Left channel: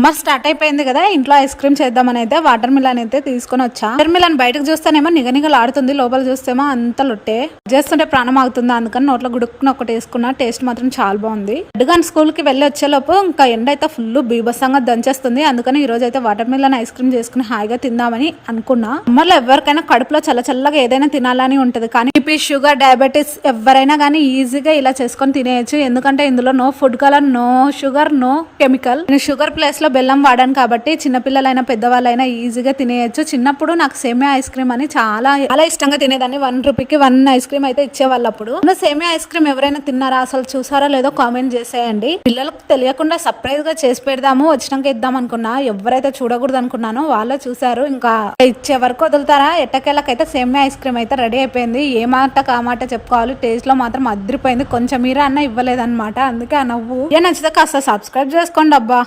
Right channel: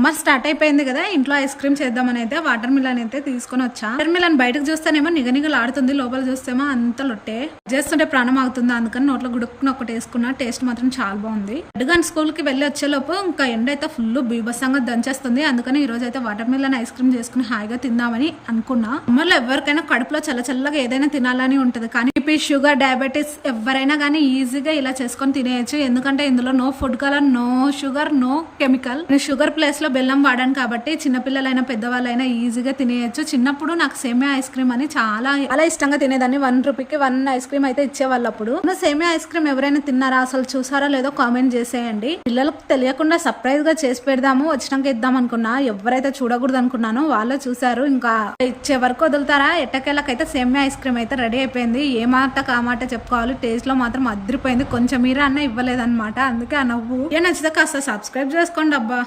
Summer start అయిపోయింది కదా, ఇంట్లో ఐస్ క్రీమ్ చేద్దామని అయితే వాటర్ మిలన్ అయితే తీసుకొని వచ్చా. వాటర్ మిలన్ బయటకు చూస్తేనేమో నిగనిగలాడుతుంది, లోపల చూస్తేమో అంత లొట్టే చేస్తుంటే ప్రాణం ఆగుతుంది. అందుకని నోట్లో గుడుక్కుని ఒకటి వేసుకున్నా. టేస్ట్ మాత్రం చాలా బాగుంది. అడ్డుగాని స్కూల్ కి వెళ్ళి వచ్చేలోపు ఇంకా ఎండ అయితే ఫుల్ బీభత్సంగా దంచేస్తుంది. అందుకని ఈ రోజు అయితే వాటర్ మిలన్ ఐస్ క్రీమ్ చేసుకుని హాయిగా తిందామని అనుకున్నా. సమ్మర్లో ఎవరికైనా కడుపులో చల్లగా ఏదైనా తినాలని ఉంటది, కానీ బీపీ, షుగర్, డయాబెటీస్ ఎవరైనా కానీ ఈజీగా ఇలా చేసుకొని తినేయచ్చు. ఎందుకంటే ఇందులో no food colour, no sugar, no chemical. Sugar place లో బెల్లం వాడాను కాబట్టి చిన్నపిల్లలైనా పెద్దవాళ్ళైనా ఈజీగా తినేయచ్చు. చిన్నప్పుడు నాకు సేమియా ఐస్ క్రీమ్ అని చాలా ఇష్టంగా తినేదాన్ని. 1 రూపీకి 1 ఐస్ క్రీమ్ అయితే ఇచ్చేవాళ్ళు. అప్పుడు సేమియా ఐస్ క్రీమ్ ఎవరైనా తిన్నారా, అసలు చూసారా లేదో కామెంట్ చేసేయండి. పిల్లలకు తెలియకుండా సర్ప్రైజ్ గా చేసి పెడదాము, వచ్చినాక ఇద్దాం అనుకున్నా. ఎవరైతే చూడకూడదు అనుకున్నానో వాళ్ళే చూసారు. ఇంకా ఇచ్చే వరకు వదులుతారా. ఎట్టకేళ్ళకైతే సేమియా ఐస్ క్రీమ్ అయితే రెడీ అయిపోయింది. ఏ మాట ఆ మాట చెప్పుకోవాలి, టేస్ట్ లో మాత్రం అదిరిపోయింది. కొంచెం మీరా అన్న ఇవ్వలేదన్నమాట. అందుకే ఆ నవ్వు. ఏ నచ్చితే కాస్త సబ్స్క్రైబ్ చేసుకోండి అబ్బా.